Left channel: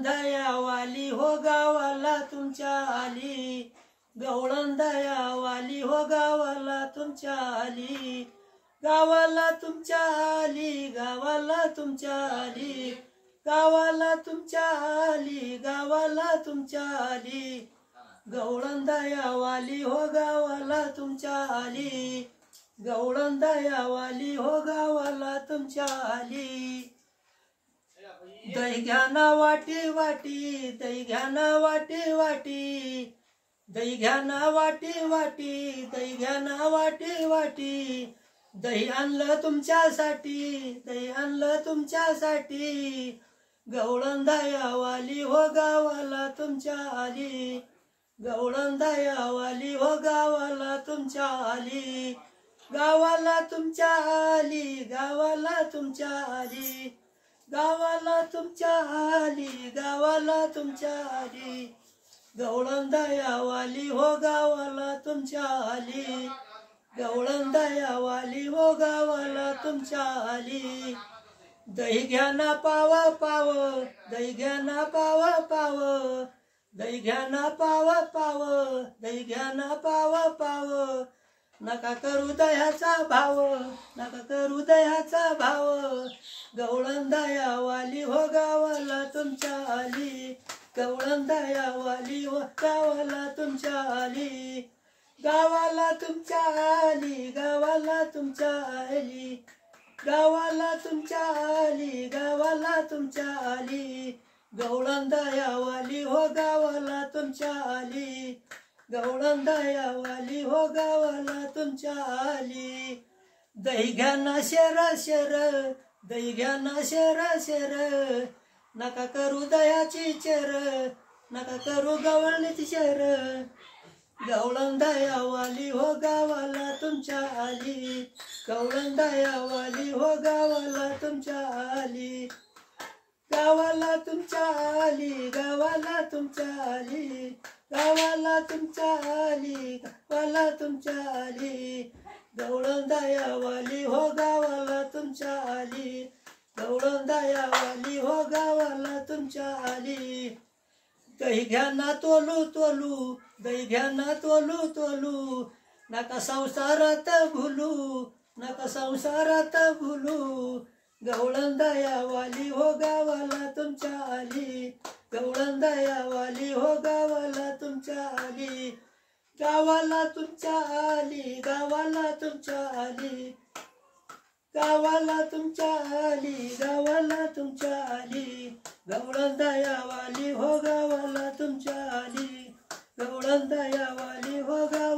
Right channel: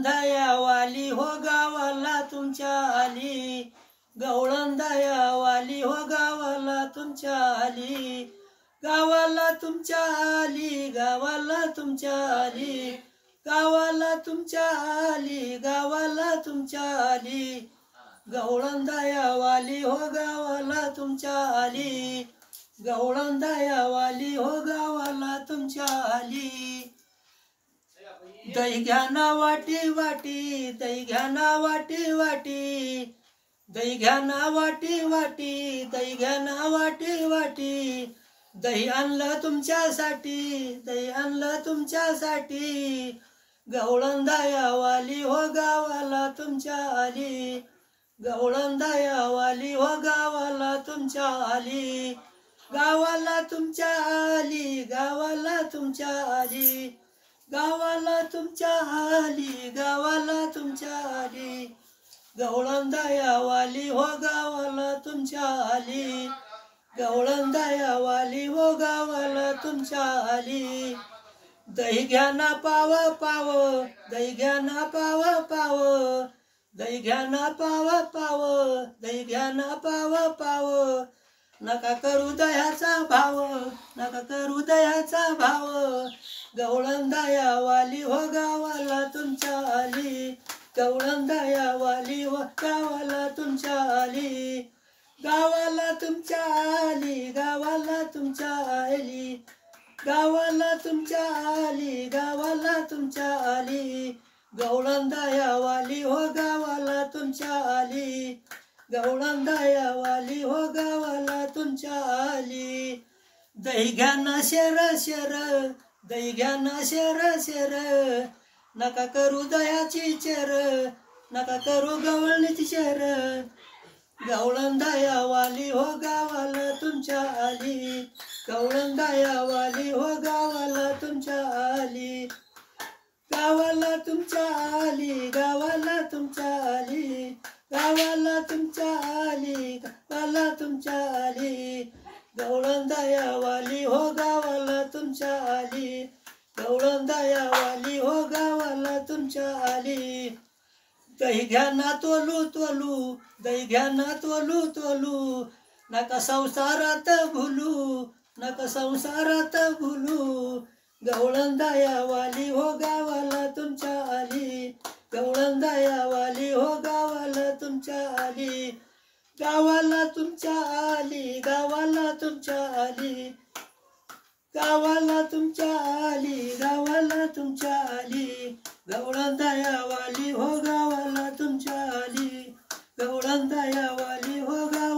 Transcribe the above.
गवळंदाया वाली हो गावाला तुमच्या आली, गवळंदाया वाली हो गावाला तुमच्या आली, गावाला तुमच्या आली, गावाला तुमच्या आली, गावाला तुमच्या आली, गावाला तुमच्या आली, गवळंदाया वाली हो गावाला तुमच्या आली, गवळंदाया वाली हो गावाला तुमच्या आली. दही घ्या ना वाटी वाटी, दही घ्या ना वाटी वाटी, दही घ्या ना वाटी वाटी, दही घ्या ना वाटी वाटी, दही आणलं तुमच्यासाठी, दही आणलं तुमच्यासाठी, गवळंदाया वाली हो गावाला तुमच्या आली, गवळंदाया वाली हो गावाला तुमच्या आली, गावाला तुमच्या आली, गावाला तुमच्या आली, गावाला तुमच्या आली, गावाला तुमच्या आली, गवळंदाया वाली हो गावाला तुमच्या आली, गवळंदाया वाली हो गावाला तुमच्या आली. दही घ्या ना पाव पाव, दही घ्या ना पाव पाव, दही घ्या ना पाव पाव, दही घ्या ना पाव पाव, नका करू दह्याचा भाव, नका करू दह्याचा भाव, गवळंदाया वाली हो गावाला तुमच्या आली, गवळंदाया वाली हो गावाला तुमच्या आली, गावाला तुमच्या आली, गावाला तुमच्या आली, गावाला तुमच्या आली, गावाला तुमच्या आली, गवळंदाया वाली हो गावाला तुमच्या आली, गवळंदाया वाली हो गावाला तुमच्या आली. दही घ्या ना शेर शेर, दही घ्या ना शेर शेर, नका करू दह्याची चेर, नका करू गवळणीची शेर, गवळंदाया वाली हो गावाला तुमच्या आली, गवळंदाया वाली हो गावाला तुमच्या आली, गावाला तुमच्या आली, गावाला तुमच्या आली, गावाला तुमच्या आली, गावाला तुमच्या आली, गवळंदाया वाली हो गावाला तुमच्या आली, गवळंदाया वाली हो गावाला तुमच्या आली. दही घ्या ना तोलू तोलू, दही घ्या ना तोलू तोलू, नका संसारात भुलू, नका संसारात भुलू, गवळंदाया वाली हो गावाला तुमच्या आली, गवळंदाया वाली हो गावाला तुमच्या आली, गावाला तुमच्या आली, गावाला तुमच्या आली, गावाला तुमच्या आली, गावाला तुमच्या आली, गवळंदाया वाली हो गावाला तुमच्या आली, गवळंदाया वाली हो गावाला